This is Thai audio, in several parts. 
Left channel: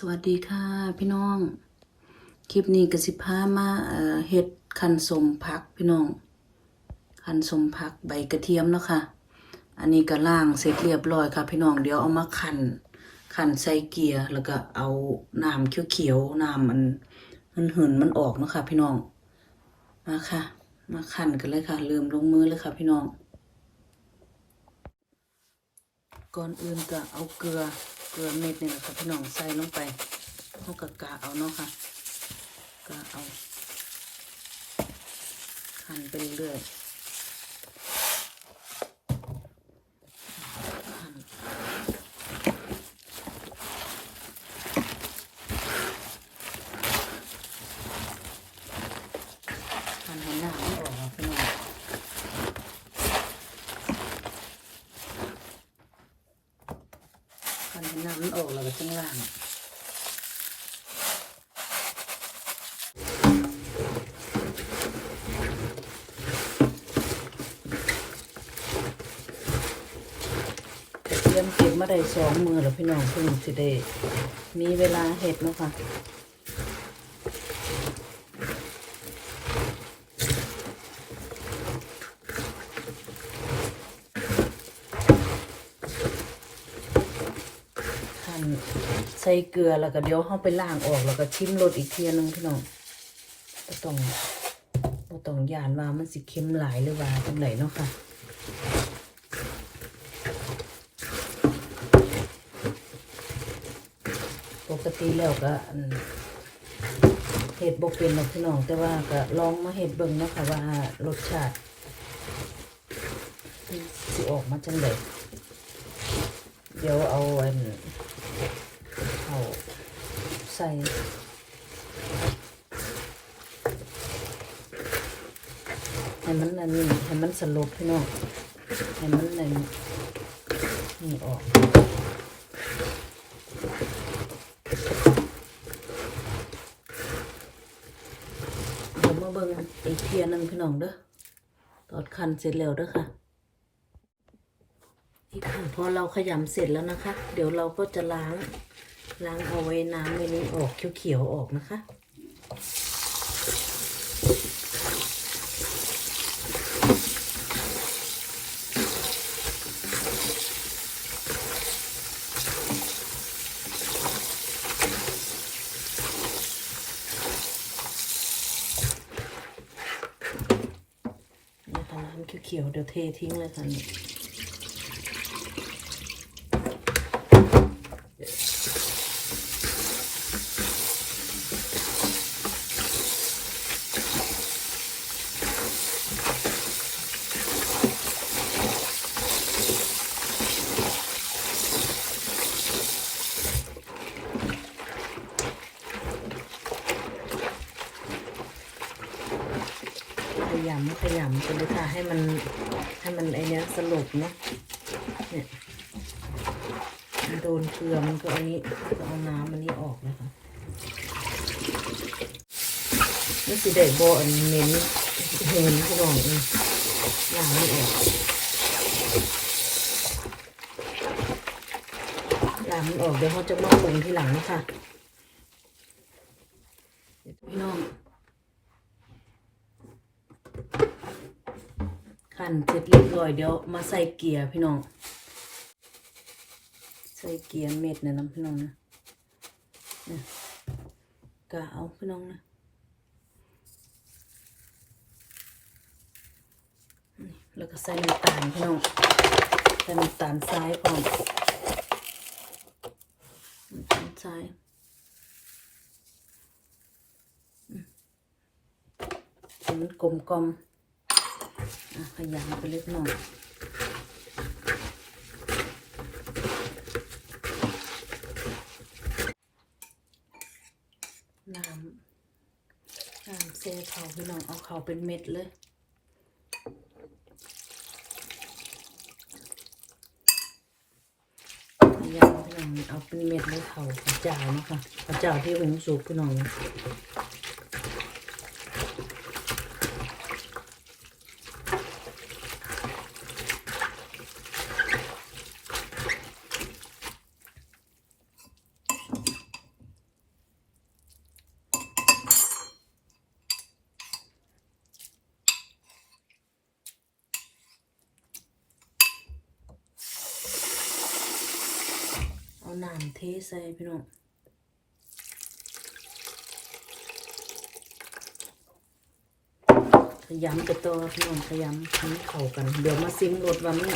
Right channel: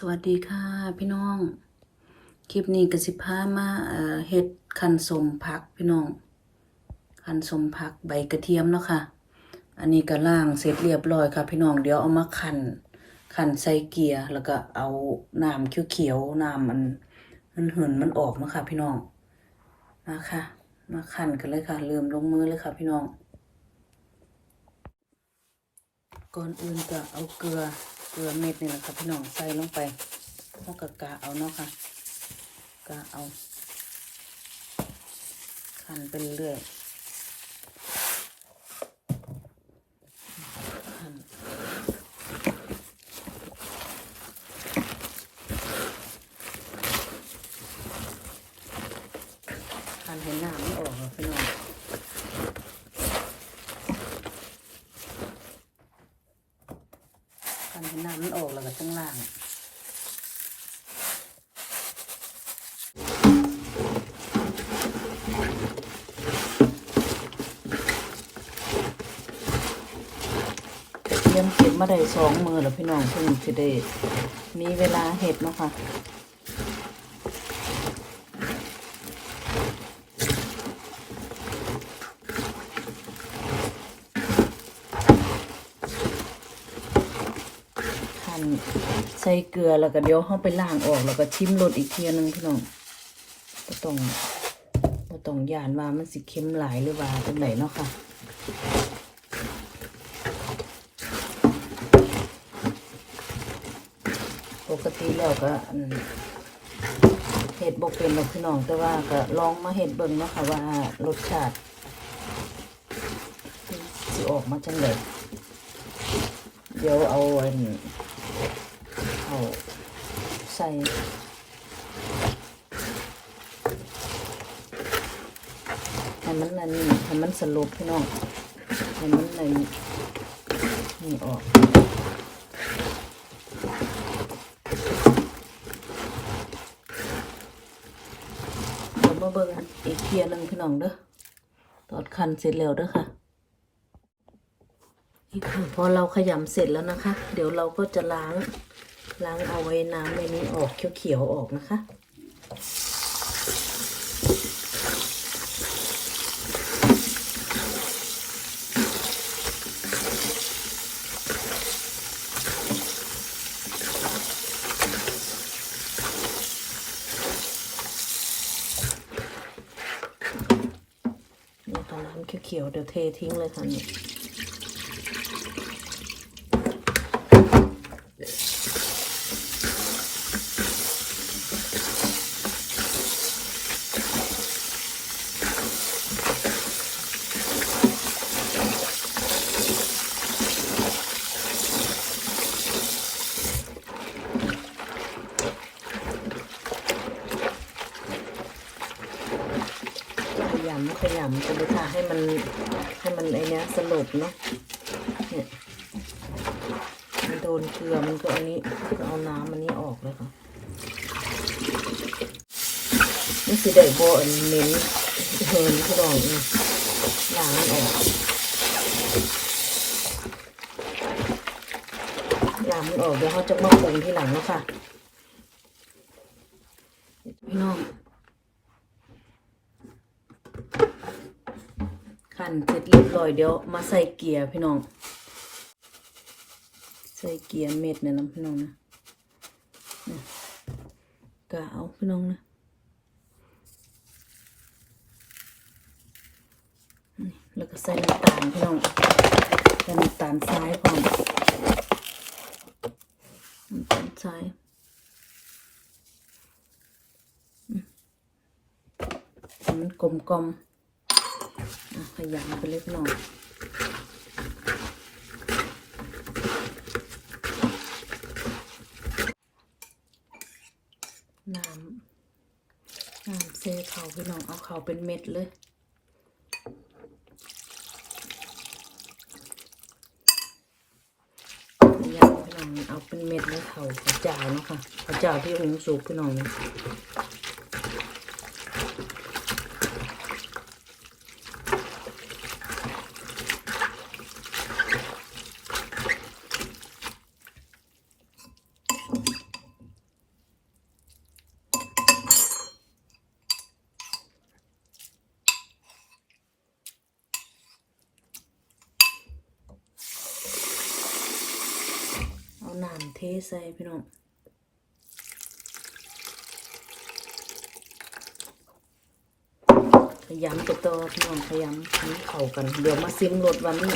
สวัสดีค่ะพี่น้อง คลิปนี้กสิพามาเอ่อเฮ็ดคันสมผักพี่น้อง คันสมผักใบกระเทียมเนาะค่ะ อันนี้ก็ล่างเสร็จเรียบร้อยค่ะ พี่น้องเดี๋ยวเอามาคันคันใส่เกียร์แล้วก็เอาน้ำเขียวๆน้ำมันมันหืนมันออกเนาะค่ะ พี่น้องมาค่ะ มาคันกันเลยค่ะเริ่มลงมือเลยค่ะ พี่น้อง ก่อนอื่นก็เอาเกลือ เกลือเม็ดนี่แหละค่ะพี่น้องใส่ลงไปเอากะกะเอาเนาะค่ะกะเอาขันไปเรื่อยนคันเห็นหน้าไม่ออกค่ะพี่น้อง คันให้น้ำมันออกแล้ ว้ข้างล่างเตรียมเก็บมาได้สองมือแล้วพี่น้องเพิ่งสิได้มีเวลาเห็ดเนาะค่ะ ใส่เกลือแล้วก็เดี๋ยวห้องไปล้างออกแล้วก็ชิมรสอีกเทียหนึงพี่น้องบ่ต้องบ่ต้องยานว่ามันสิเค็มหลายหรือว่าจังไหนเนาะค่ะปกติแล้วก็เห็ดบกเป็นหรอกพี่น้องแต่ว่าก็ลองมาเห็ดเบิ่งนะคะว่ารสชาติสิออกมาจังไดเดี๋ยวเอาเป็นเอา ใส่ให้มันอันนี้ให้มันสลบพี่น้องให้มันอันนี่ออกเดี๋ยวมาเบิ่งอีกเทียหนึงพี่น้องเด้อตอดคันเสร็จแล้วเด้อค่ะ พอเราขยำเสร็จแล้วนะคะ เดี๋ยวเราก็จะล้างล้างเอาไว้น้ำในนี้ออกเขียวๆออกนะคะน้ำเขียวๆเดี๋ยวเททิ้งเลยค่ะนี่ขยำขยำกันเลยค่ะให้มันให้มันไอเนี้ยสลบเนาะเนี่ยมันโดนเกลือมันก็อันนี้เอาน้ำอันนี้ออกเลยค่ะนี่คือได้บัวอันเน้นเห็นพี่น้องนี่ยล้างมันออกล้างมันออกเดี๋ยวเขาจะมาปรุงที่หลังนะคะพี่น้อง ขันเสร็จเรียบร้อยเดี๋ยวมาใส่เกียร์พี่น้อง ใส่เกียร์เม็ดเนี่ยนะพี่น้องนะนะกะเอาพี่น้องนะแล้วก็ใส่น้ำตาลพี่น้องใส่น้ำตาลทรายพร้อมน้ำตาลทรายมันกลมกลมๆ ขยำไปเล็กน้อยน้ำน้ำเซเขาพี่น้องเอาเขาเป็นเม็ดเลยเอาเป็นเม็ดเลยเขากระจาเนาะค่ะกระจาที่องค์สุกพี่น้องนะ น้ำ เทใส่พี่น้องขยำไปต่อพี่น้องขยำให้เข้ากัน เดี๋ยวมาซิมรสว่ามัน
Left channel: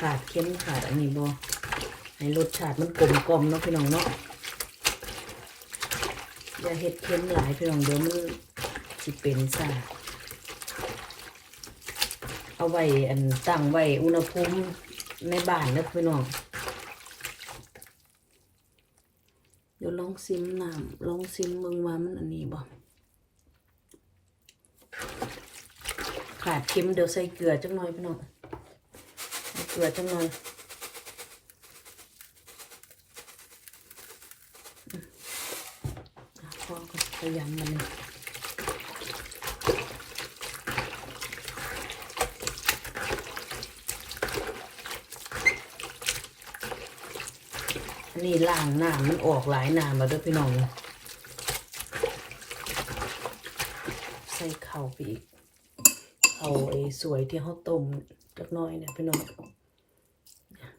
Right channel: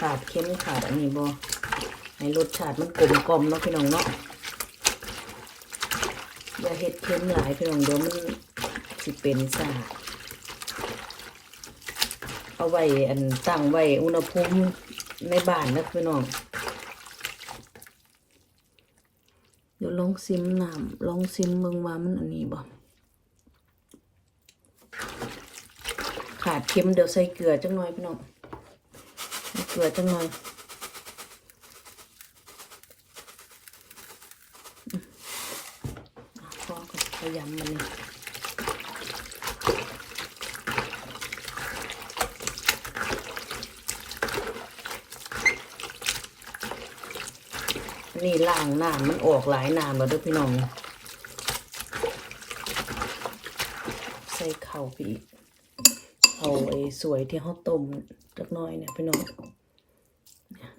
ขาดเค็มขาดอันนี้บ่ให้รสชาติมันกลมกลมเนาะพี่น้องเนาะอย่าเฮ็ดเค็มหลายพี่น้องเดี๋ยวมันสิเป็นซ่าเอาไว้อันตั้งไว้อุณหภูมิในบ้านนะพี่น้อง เดี๋ยวล องซิมน้ำลองซิมเมืองมามันอันนี้บ่ขาดเค็มเดี๋ยวใส่เกลือจังหน่อยพี่น้องเกลือจังหน่อยพอกับพยายามมัน นี่ล้างน้ำมันออกหลายน้ำแล้วด้วยพี่น้อง ใส่ข้าวไปอีกเอาไอ้สวยที่เขาต้มจักน้อยเนี่ยพี่น้องเนี่ย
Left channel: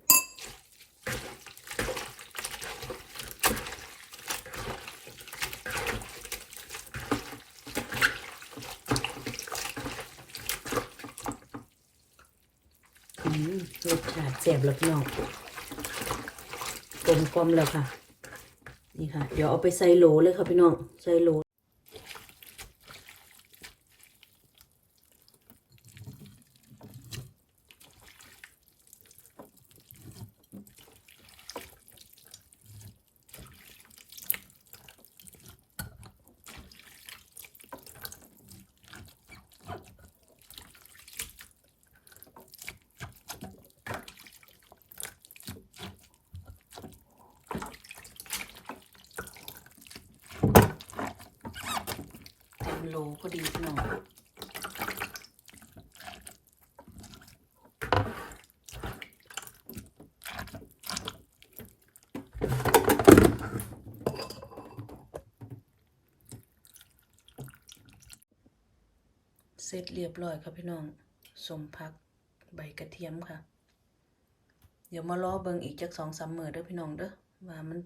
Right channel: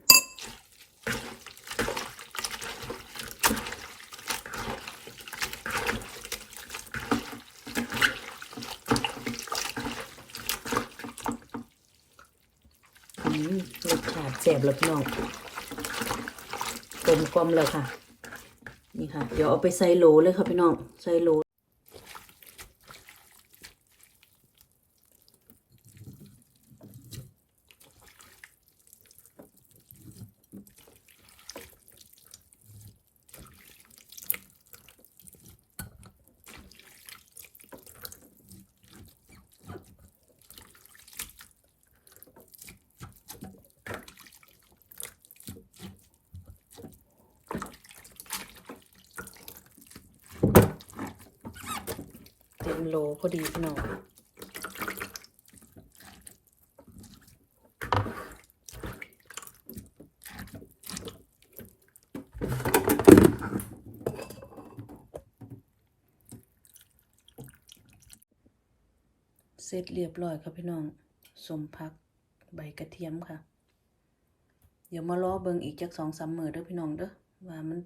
อืมรสชาติแซ่บแล้วพี่น้อง มกลมแล้วค่ะ นี่ค่ะ เดี๋ยวเอาไปใส่โหลเลยค่ะพี่น้อง ใส่โหล โลพอดีพี่น้องเสร็จเรียบร้อยครับพี่น้องสมพักใบกระเทียมค่ะ เดี๋ยวมารอเบิงอีกจักสองสามมือเด้อพี่น้องเด้อว่ามัน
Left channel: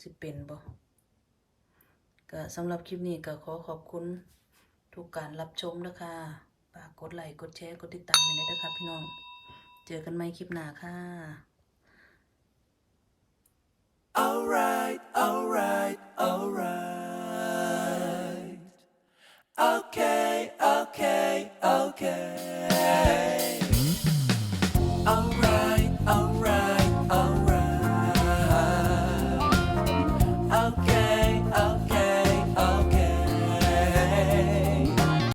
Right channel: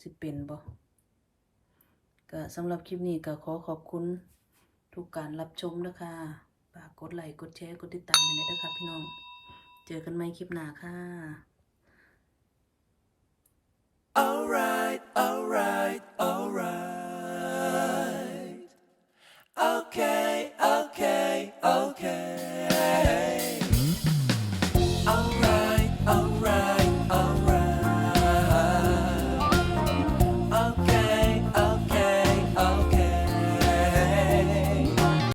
สิเป็นบ่็สำหรับคลิปนี้ก็ขอขอบคุณทุกการรับชมนะคะฝากกดไลค์กดแชร์กดติดตามกันด้วยนะคะพี่น้อง เจอกันใหม่คลิปหน้าค่ะ alright alright alright okay